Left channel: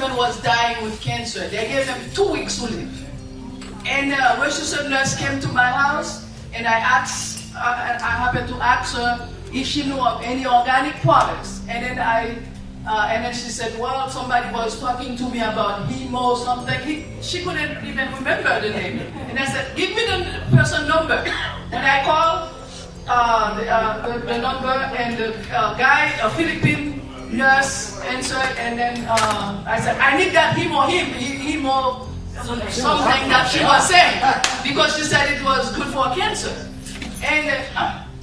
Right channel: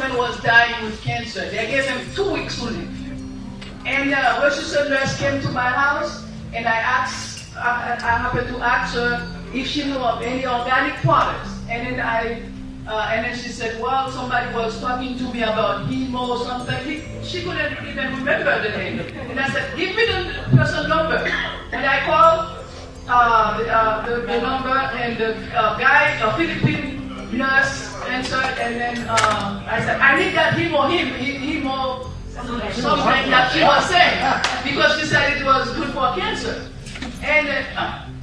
husband was dying with cancer. They gave him 2 weeks to live. And registered nurse came to my house, and I happened to ask her if she knew of any organic products. And then she said, well, somebody was talking to me about hemo something. She couldn't even remember the name. And I said, give me the person number. When I called the number, and the guy, a Philippine nurse, answered, and then I said, I need that hemo something that she was saying, because she said it was good for cancer. And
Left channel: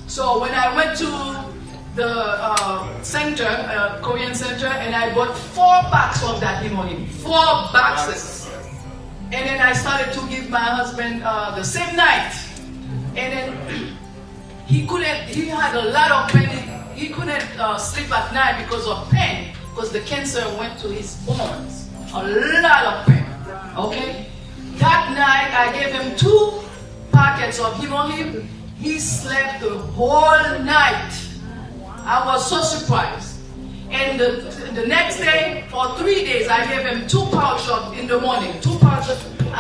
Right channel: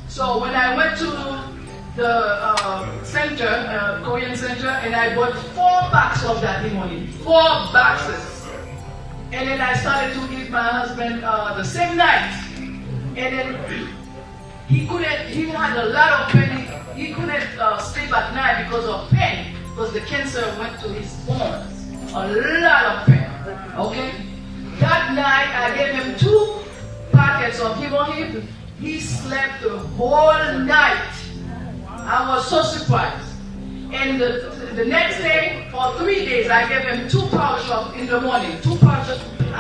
so when I went to the center, Korean center, and I bought 4 packs of that HemoHIM, 4 boxes. And then I started to give my husband the same night. And then he had a lot of pain. He couldn't sleep at night because of pain, because the cancer went to his bones. A lot of pain. Okay? That night I gave him 2 packets of HemoHIM. He slept the whole night. I was so surprised. And the next day, for 3 days, I gave him 2 pouches in the morning, 2 pouches, 2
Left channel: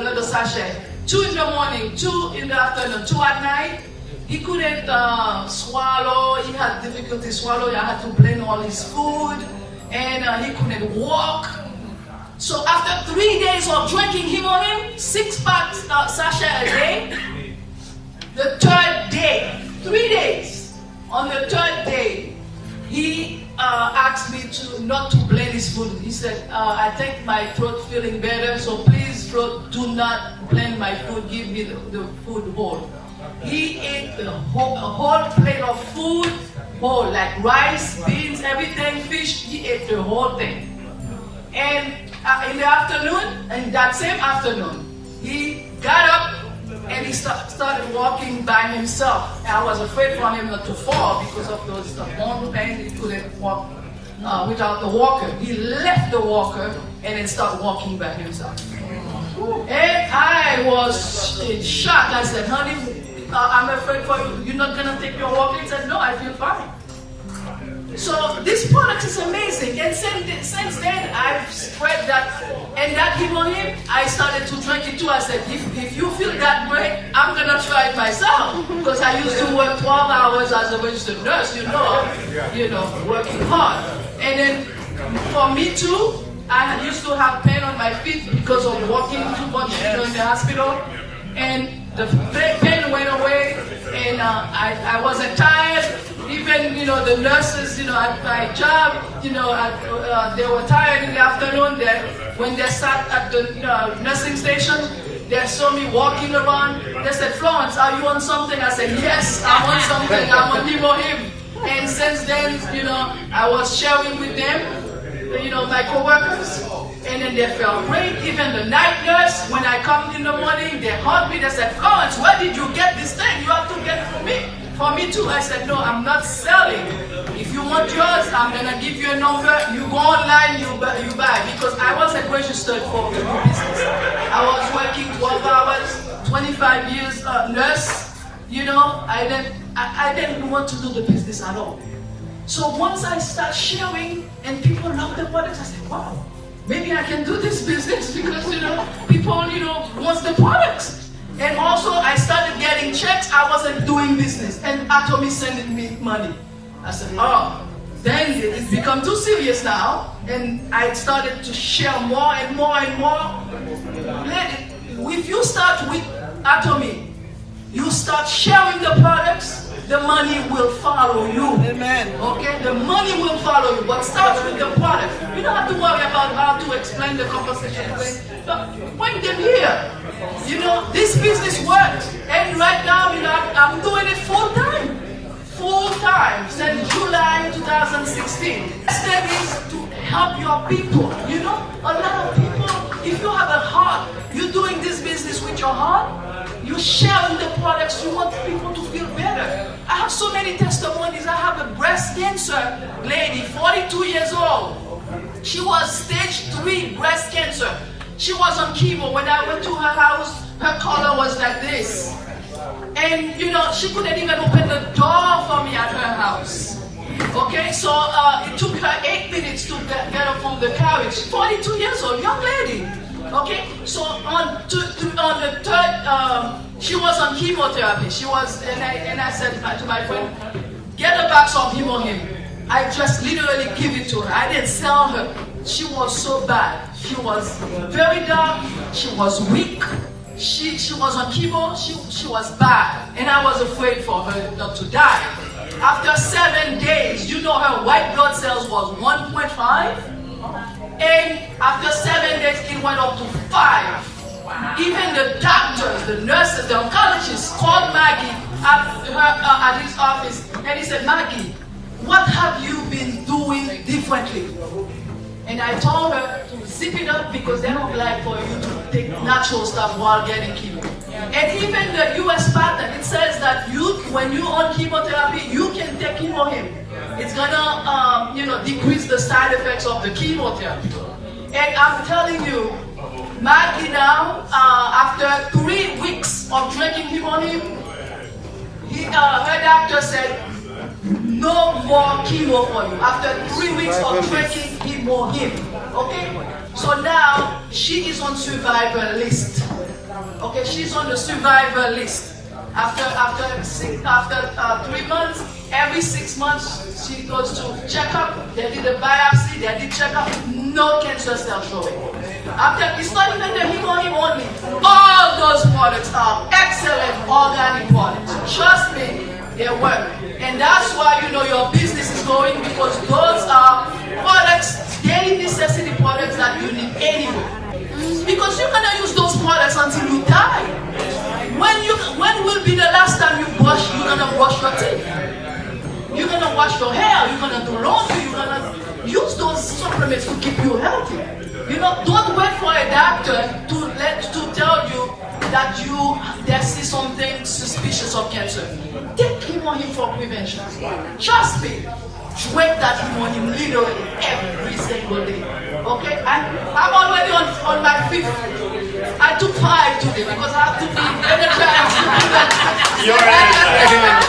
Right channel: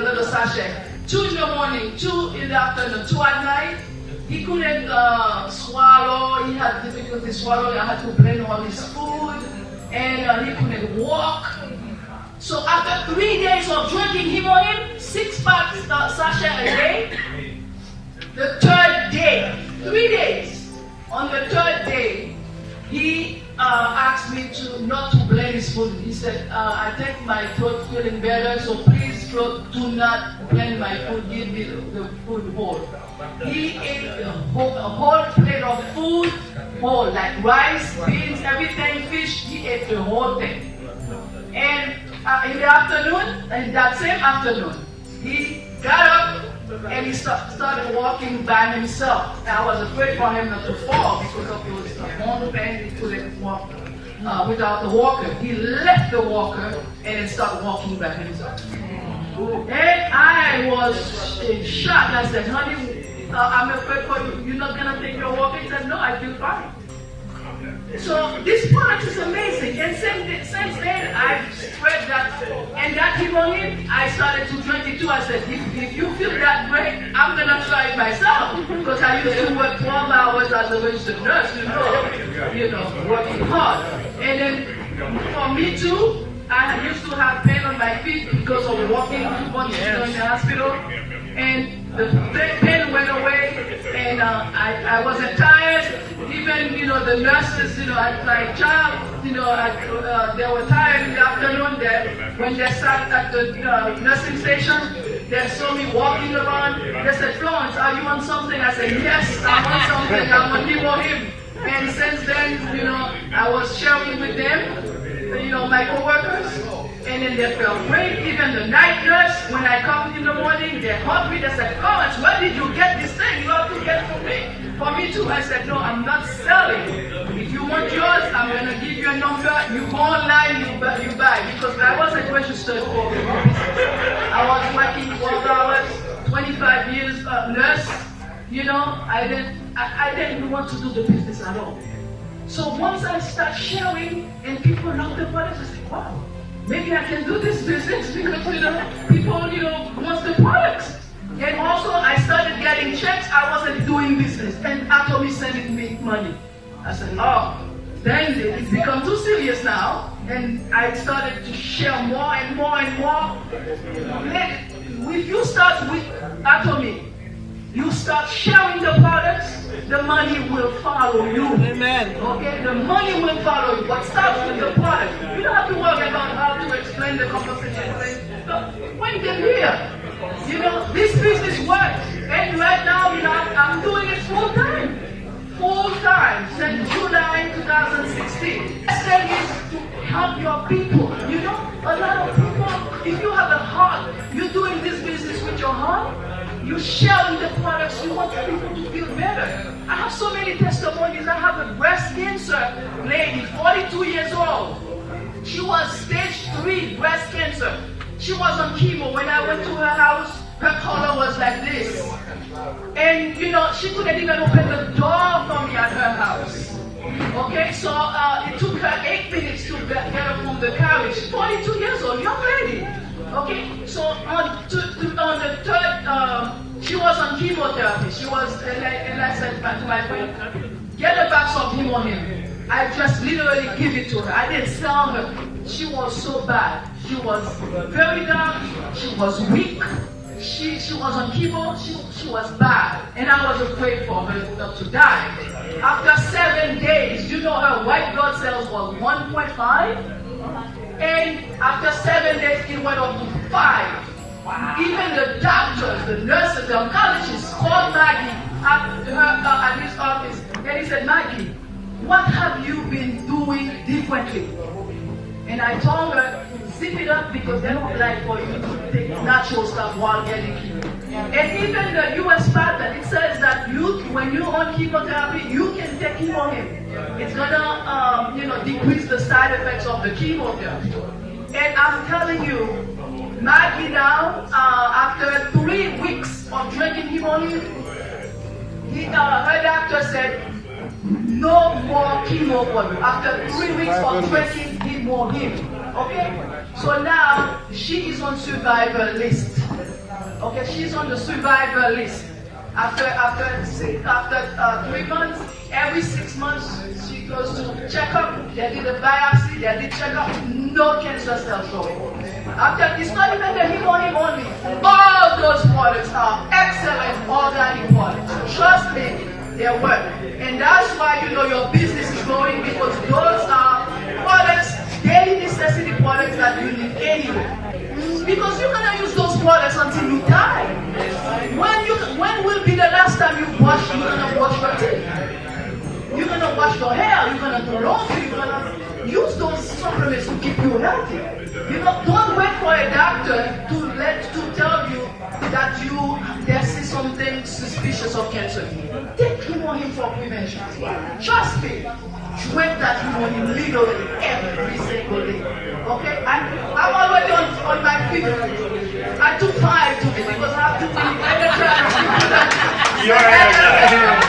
little sachet, 2 in the morning, 2 in the afternoon, 2 at night. He couldn't swallow. He had difficulty swallowing. I had to blend all his food, and he couldn't walk. So after 3 days of drinking HemoHIM, 6 packs sachet a day, the 3rd day, 3 days, on the 3rd day, he asked me not to blend his food. He said, I think my throat feeling better, so please do not blend my food, give me the food whole. He ate a whole plate of food, whole, like rice, beans, everything, fish. He ate the whole thing. And in the afternoon, in that same afternoon, he got up and he started walking by himself. And I was afraid for him not to fall because of those bone pain. He couldn't walk without the walker. He left the walker and then started walking by himself. And I was in shock. I said, honey, I'm afraid for you. You're not going to take your walker? He said, no, I feel fine. So this product is amazing. And since then, I've spread that. And that HemoHIM, I started to drink it too. I said, if you feel that way, I'm going to try it myself. Because I used to work 12 hours as a registered nurse, you know, working hard. And then for me too, I used to have pain on my feet because of walking too much in the hospital. And the pain went away, and I wasn't tired. Even, the nurses, at my job, they were tired in the afternoon. When they sat at the nursing station, they saw me walking around. They said, Florence, are you on something? I said, yes, I'm on something. I'm on HemoHIM. And since then, I was sharing with them, my coworkers. And then they felt great. Even the night nurse, when I come in the morning, they hug me. They said, Florence, where did you get this thing? You have to get it for me. For me too. I said, no, I'm not selling. If you want yours, I'm going to give you a number. You go online, you buy. Because I wasn't registered for the business. I was working 12 hours, 25 years nurse. I didn't want to do the business at all. So once I start sharing and people love the products, I said, wow. Maybe I can do this business because, people, want the products. And also, I started getting checks. I wasn't doing business. And Atomy sending me money. I said, oh, then it become too serious now. And I started to share more and more and more. If you start with Atomy, you start sharing the products, the money will follow you. Amen. Okay? The money will follow you. But start with the product. You don't have to worry about how to explain the composition. But bring them here. This business works. And right now, I'm doing it full time. Full time since July 2016. The step is to help your people. A lot of people, if you have a heart, you're doing this business with your heart, you're sharing the products, you want people to feel better. I have so many testimonies. I have a breast cancer lady, 42 years old. She was stage 3 breast cancer. She was on chemo. When I went to her house, her color was like this. And, she couldn't even open the door for me at her house. Okay, so it took her 8 minutes to get her from the carriage. 42 years old, young lady. Okay, so on the third, she was on chemotherapy. She was, and I said to my friend, get a box of HemoHIM. I just literally give it to her. I didn't sell her. She was so bad. She was very dark. She was weak. She was on chemo. She was bad, and I was afraid for her not to die. After 7 days, you know her white blood cells was 1.5, and after 7 days it went up to 5. Even the doctors, the nurses, the oncologists called Maggie at his office, and he said, Maggie, what have you been doing differently? And I told her to zip it up because they don't like for you to take natural stuff while getting chemo. And even the US patent, it says that when you're on chemotherapy, you can take HemoHIM. It's gonna, decrease the side effects of the chemotherapy. And I'm telling you, Maggie now, after 3 weeks of drinking HemoHIM, her doctor said, no more chemo for you. After 3 weeks of drinking HemoHIM, okay? So now she is on survivor list. Okay, she's on the survivor list. After 3 months, every 6 months she goes to checkup. They did a biopsy. They did checkup. No cancer cell showing. After it's not even the HemoHIM only. All those products are excellent organic products. Trust me, they work. And that's why your business is growing, because those are products, daily necessity products that you need anyway. Because you're gonna use those products until you die. When will be the last time you're gonna brush your teeth? You're gonna wash your hair, you're gonna do laundry, you're gonna use those supplements to keep you healthy. Don't wait for a doctor to tell you that they see something suspicious of cancer. Take HemoHIM for prevention. Trust me. Drink that HemoHIM literally every single day. Okay? I'm already on my 5th. I took 5 today because I have to be energized. You're energized.